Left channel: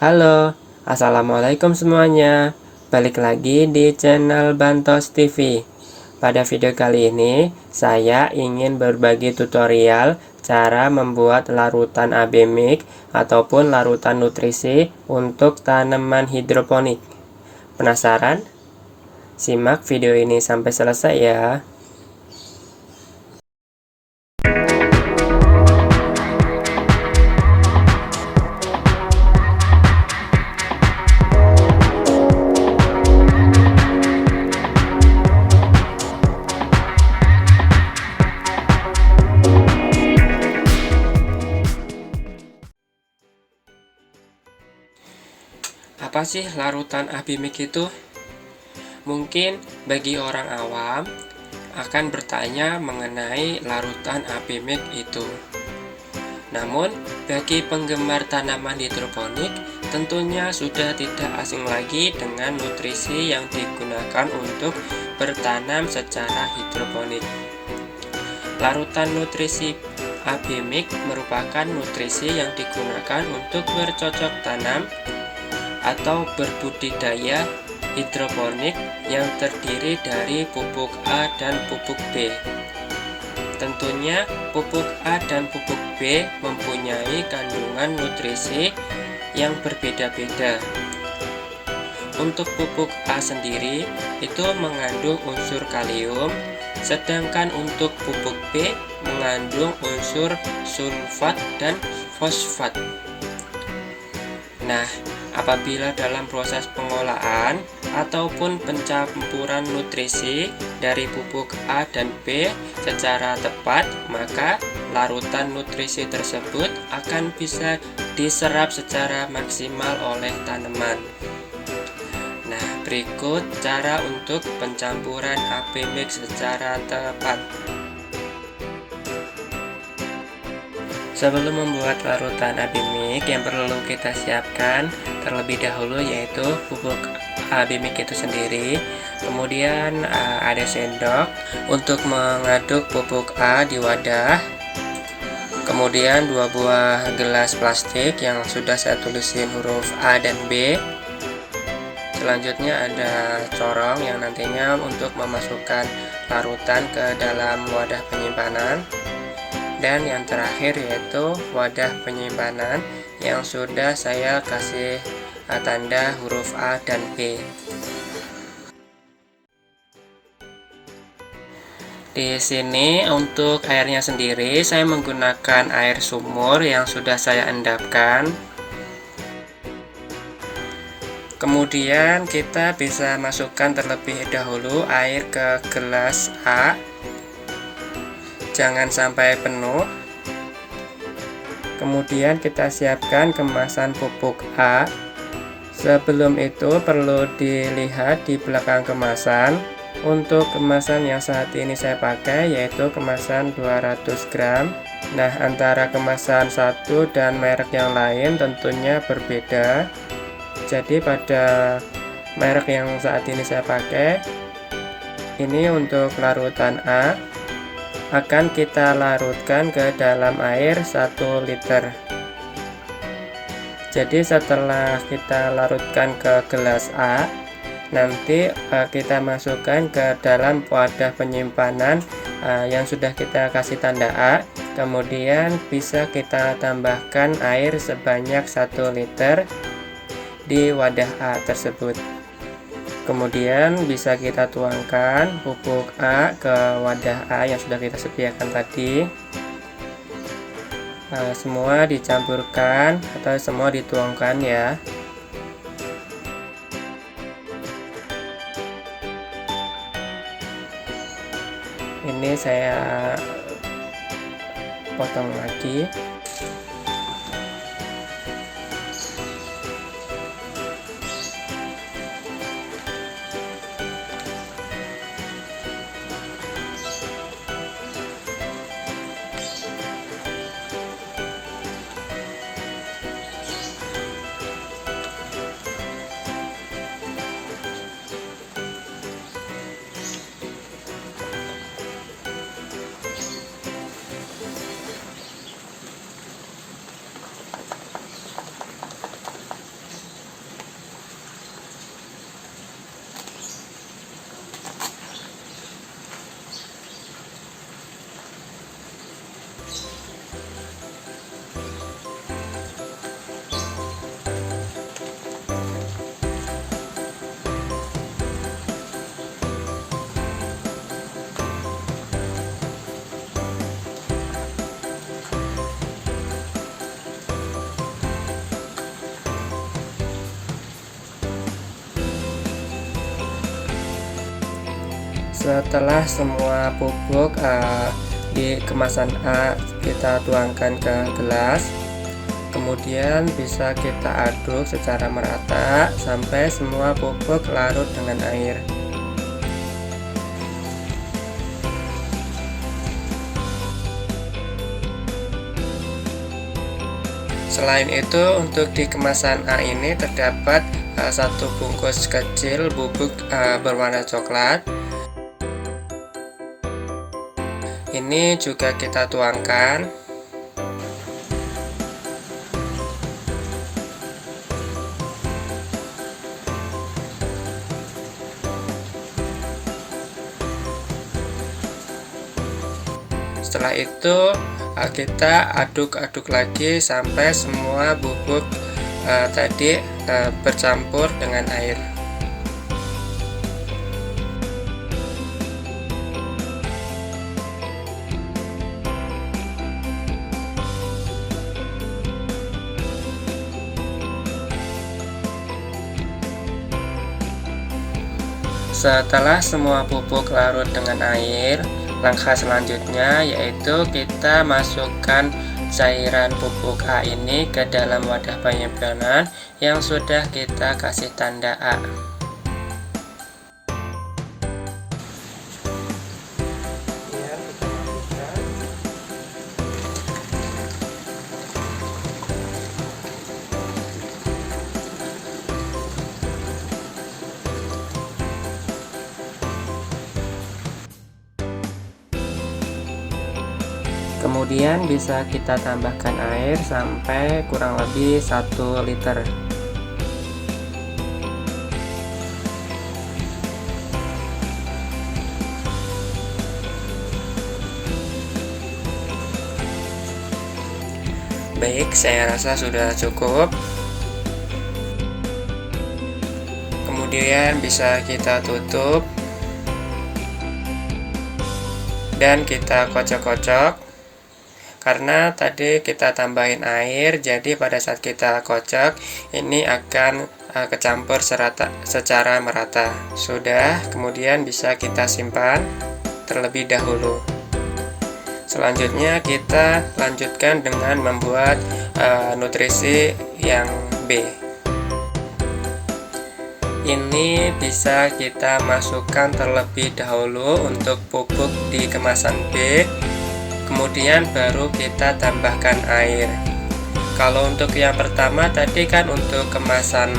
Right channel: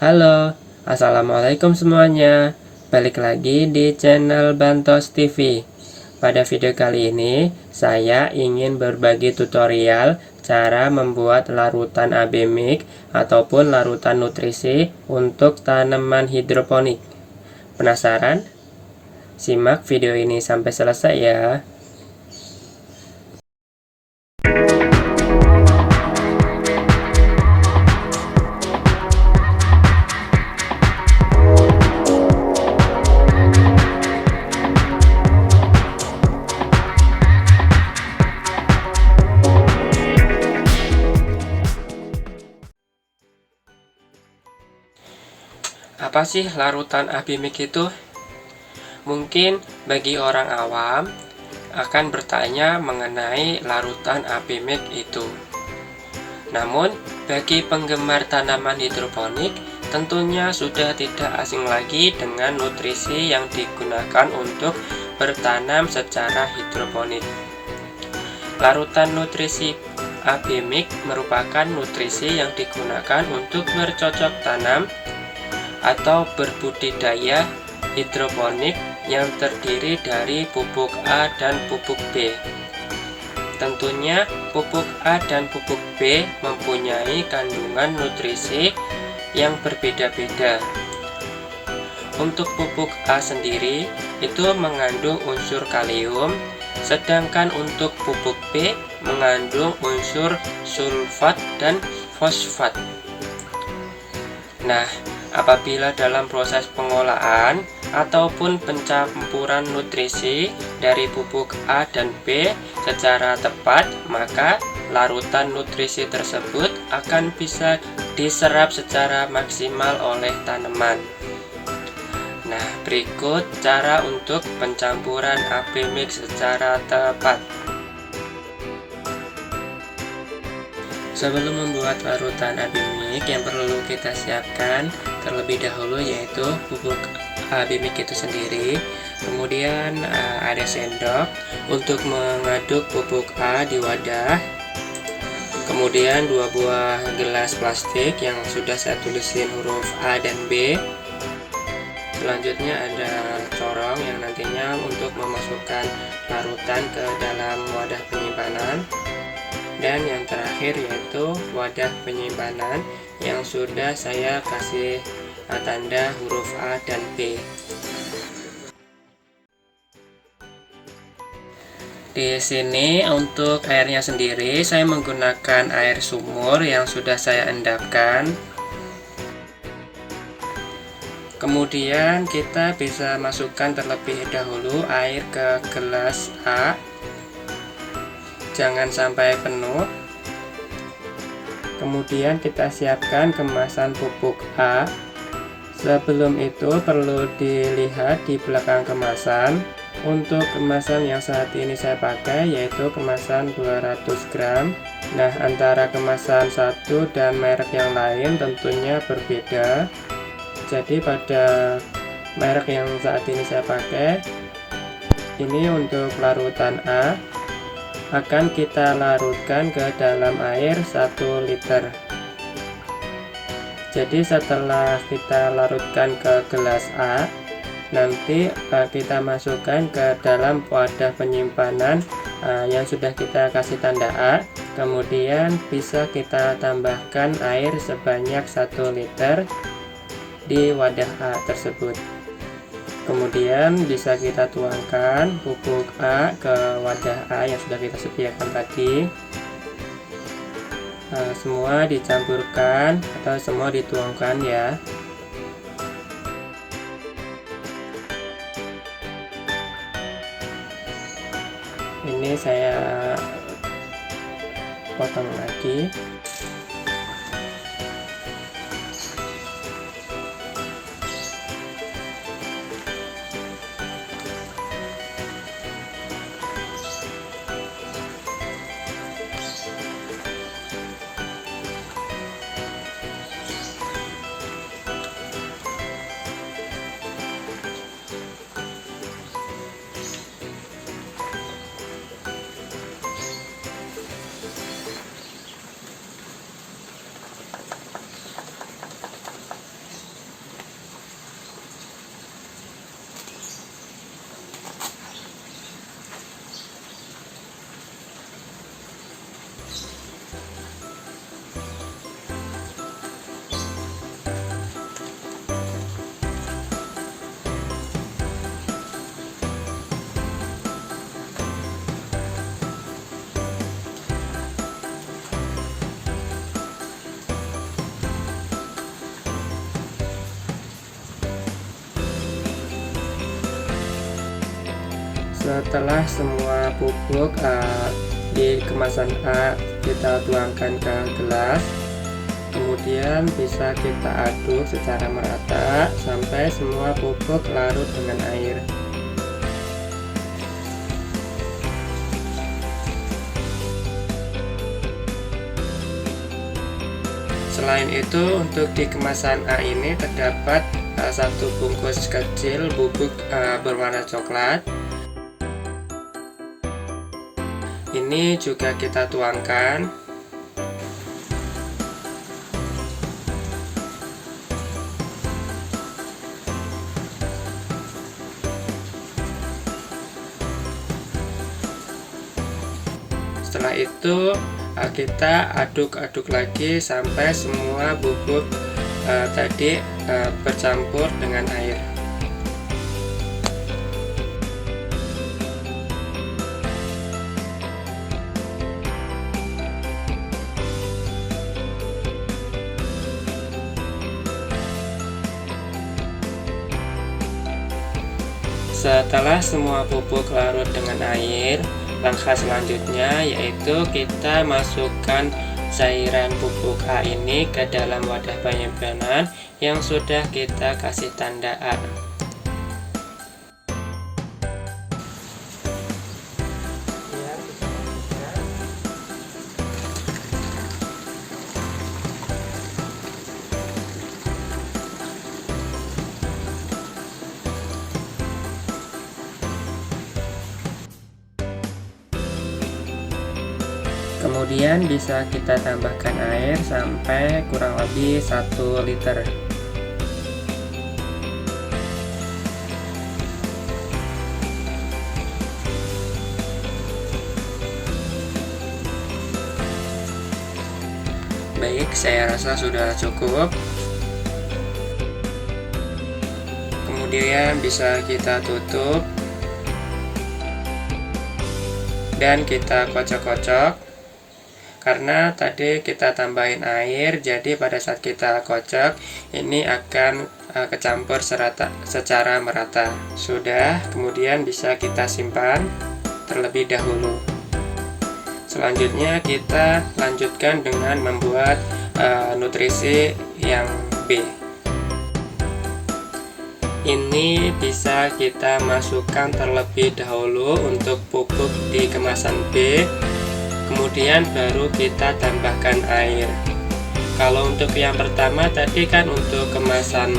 Halo, assalamualaikum semuanya. Balik lagi di channel Bantos TV. Pada video kali ini, saya ingin berbagi tutorial cara membuat larutan AB mix ataupun larutan nutrisi untuk tanaman hidroponik. Penasaran? Simak video ini sampai selesai ya. Apa sih larutan AB mix itu? Mungkin bagi orang awam akan bertanya mengenai larutan AB mix itu. Namun, bagi penggemar tanaman hidroponik, tentunya sudah tidak asing lagi dengan nutrisi yang digunakan untuk bertanam secara hidroponik. Larutan nutrisi AB mix merupakan nutrisi yang digunakan untuk bercocok tanam atau berbudidaya hidroponik yang terdiri dari pupuk A dan pupuk B. Tentunya pupuk A dan pupuk B mempunyai kandungan nutrisi yang berbeda-beda. Untuk pupuk A sendiri itu mengandung unsur kalium, sedangkan untuk pupuk B mengandung unsur sulfat dan fosfat. Nah, apabila dalam proses pengolahan ataupun pencampuran nutrisi dari pupuk A dan B secara tepat, maka larutan nutrisi tersebut akan bisa diserap secara maksimal oleh tanaman. Nah, berikut cara untuk pencampuran AB mix secara tepat. Sebelum membuat larutan AB mix, yang perlu kita siapkan terlebih dahulu yaitu pupuk AB mix itu sendiri. Kemudian ada sendok untuk mengaduk pupuk A di wadah. Kemudian 2 buah gelas plastik yang sudah saya tulisin huruf A dan B. Selanjutnya ada corong yang nantinya untuk memasukkan larutan ke dalam wadah penyimpanan. Dan yang terakhir yaitu wadah penyimpanan yang sudah saya kasih tanda huruf A dan B. Di sini untuk airnya sendiri saya menggunakan air sumur yang sudah saya endapkan. Kemudian kita bisa masukkan terlebih dahulu air ke gelas A. Jangan sampai penuh. Kemudian kita siapkan kemasan pupuk A. Sebelum itu perlu dilihat di belakang kemasan. Untuk kemasan yang saat ini saya pakai yaitu kemasan 200 gram. Nah, antara kemasan satu dan merek yang lain tentunya berbeda. Jadi pada merek yang saat ini saya pakai, ini untuk larutan A akan kita larutkan ke dalam air 1 liter. Jadi setelah kita larutkan ke gelas A, nanti kita masukkan ke dalam wadah penyimpanan yang sudah kita kasih tanda A. Kemudian bisa kita tambahkan air sebanyak 1 liter di wadah A tersebut. Kemudian bisa kita tuangkan pupuk A ke wadah A yang sudah kita sediakan tadi. Semua dicampurkan atau semua dituangkan ya. Ini saya potong lagi. Setelah semua bubuk di kemasan A kita tuangkan ke gelas, kemudian bisa kita aduk secara merata sampai semua bubuk larut dengan air. Selain itu, untuk di kemasan A ini terdapat satu bungkus kecil bubuk berwarna coklat. Ini juga kita tuangkan. Setelah itu kita aduk-aduk lagi sampai semua bubuk tadi bercampur dengan air. Setelah semua bubuk larut dengan air, langkah selanjutnya yaitu kita masukkan cairan bubuk A ini ke dalam wadah penyimpanan yang sudah kita kasih tanda A. Kemudian bisa kita tambahkan air sampai kurang lebih 1 liter. Baik, saya rasa sudah cukup. Kemudian bisa kita tutup dan kita kocok-kocok. Karena tadi kita tambahin air, jadi pada saat kita kocok ini akan kecampur secara merata. Sudah, kemudian bisa kita simpan terlebih dahulu. Selanjutnya kita lanjutkan dengan membuat nutrisi yang B. Ini bisa kita masukkan terlebih dahulu untuk pupuk di kemasan B, kemudian baru kita tambahkan air. Kalau untuk yang pertama tadi kan untuk kemasan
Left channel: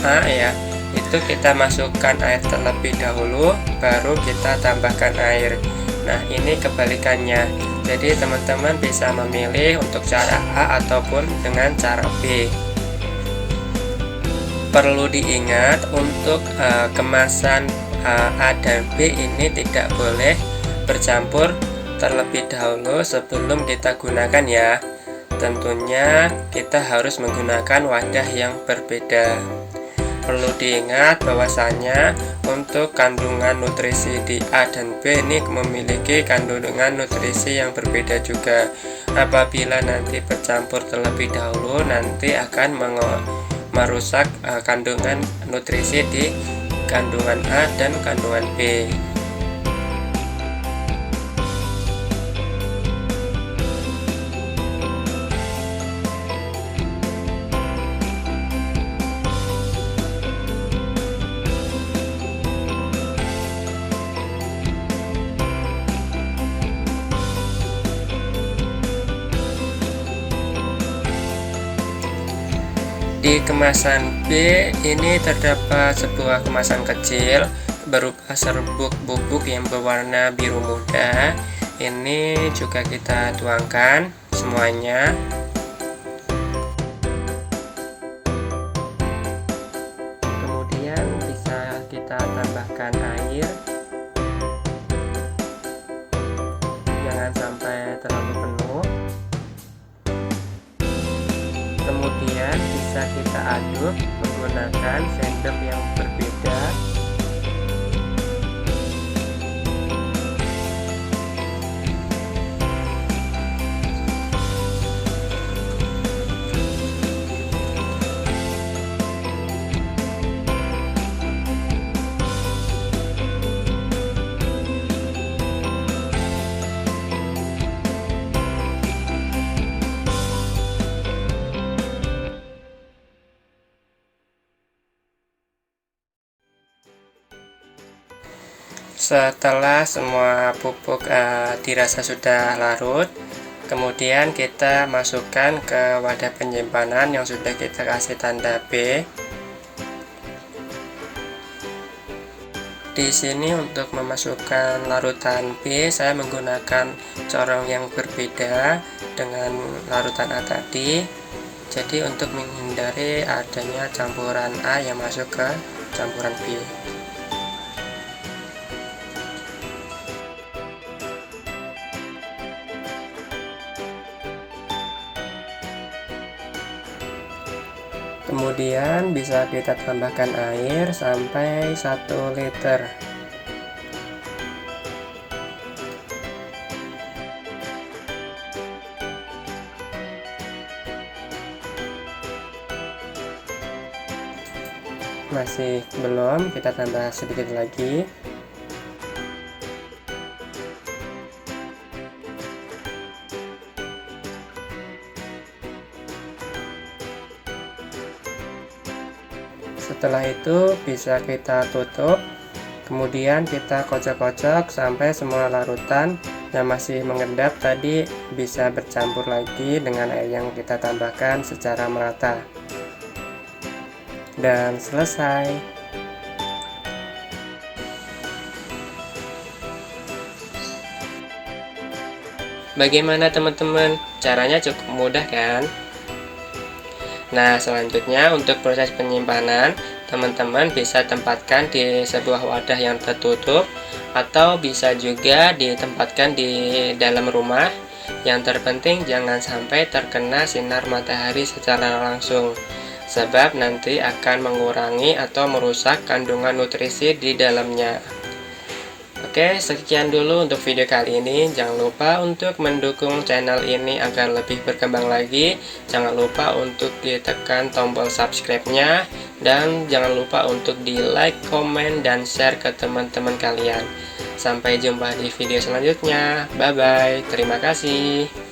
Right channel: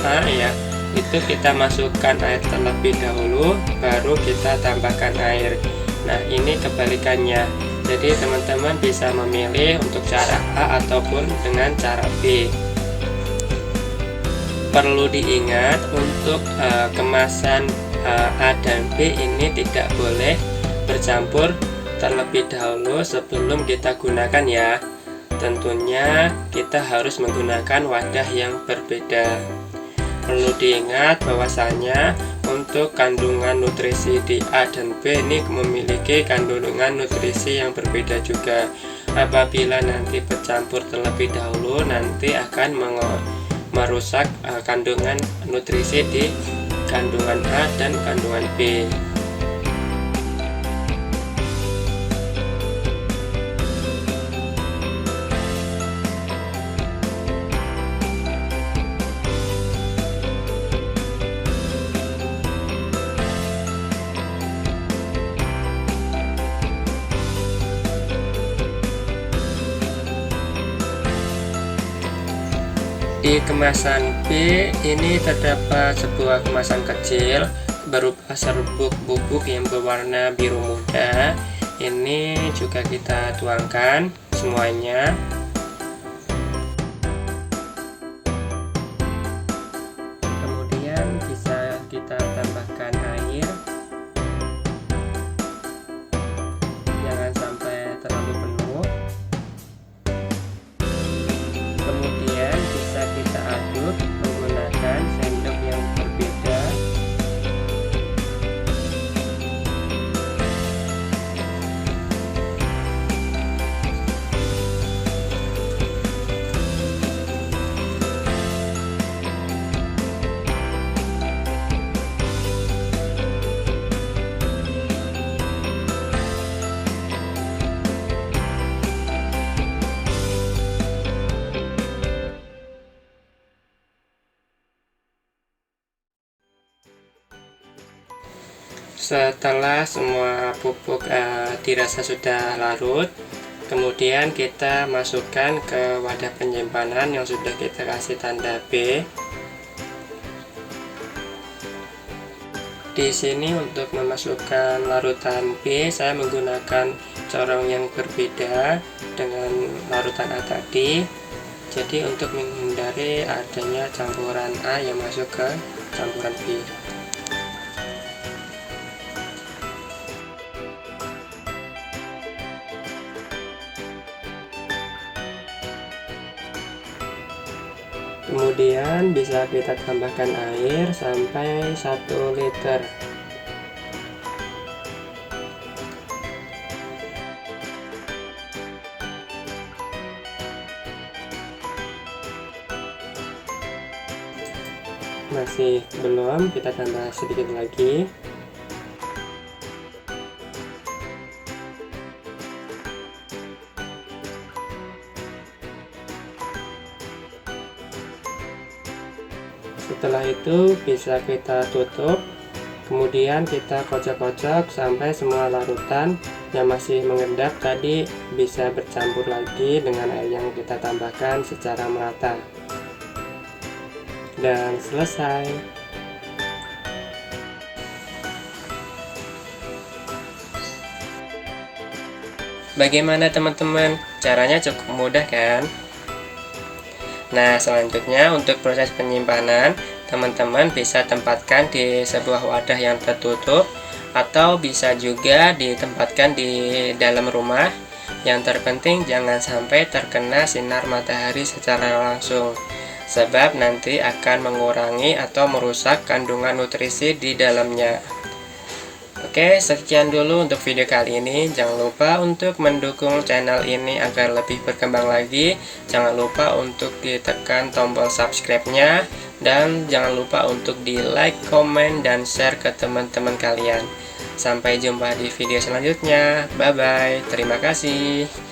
A ya, itu kita masukkan air terlebih dahulu, baru kita tambahkan air. Nah, ini kebalikannya. Jadi teman-teman bisa memilih untuk cara A ataupun dengan cara B. Perlu diingat untuk kemasan A dan B ini tidak boleh bercampur terlebih dahulu sebelum kita gunakan ya. Tentunya kita harus menggunakan wadah yang berbeda. Perlu diingat bahwasanya untuk kandungan nutrisi di A dan B ini memiliki kandungan nutrisi yang berbeda juga. Apabila nanti bercampur terlebih dahulu, nanti akan merusak kandungan nutrisi di kandungan A dan kandungan B. Di kemasan B ini terdapat sebuah kemasan kecil berupa serbuk bubuk yang berwarna biru muda. Ini juga kita tuangkan semuanya. Kemudian bisa kita tambahkan air. Jangan sampai terlalu penuh. Kemudian bisa kita aduk menggunakan sendok yang berbeda. Setelah semua pupuk dirasa sudah larut, kemudian kita masukkan ke wadah penyimpanan yang sudah kita kasih tanda B. Di sini untuk memasukkan larutan B, saya menggunakan corong yang berbeda dengan larutan A tadi. Jadi untuk menghindari adanya campuran A yang masuk ke campuran B. Kemudian bisa kita tambahkan air sampai 1 liter. Masih belum, kita tambah sedikit lagi. Setelah itu bisa kita tutup, kemudian kita kocok-kocok sampai semua larutan yang masih mengendap tadi bisa bercampur lagi dengan air yang kita tambahkan secara merata. Dan selesai. Bagaimana teman-teman? Caranya cukup mudah kan? Nah, selanjutnya untuk proses penyimpanan, teman-teman bisa tempatkan di sebuah wadah yang tertutup atau bisa juga ditempatkan di dalam rumah. Yang terpenting jangan sampai terkena sinar matahari secara langsung, sebab nanti akan mengurangi atau merusak kandungan nutrisi di dalamnya. Oke, sekian dulu untuk video kali ini. Jangan lupa untuk mendukung channel ini agar lebih berkembang lagi. Jangan lupa untuk ditekan tombol subscribe-nya. Dan jangan lupa untuk di like, komen, dan share ke teman-teman kalian. Sampai jumpa di video selanjutnya. Bye-bye. Terima kasih.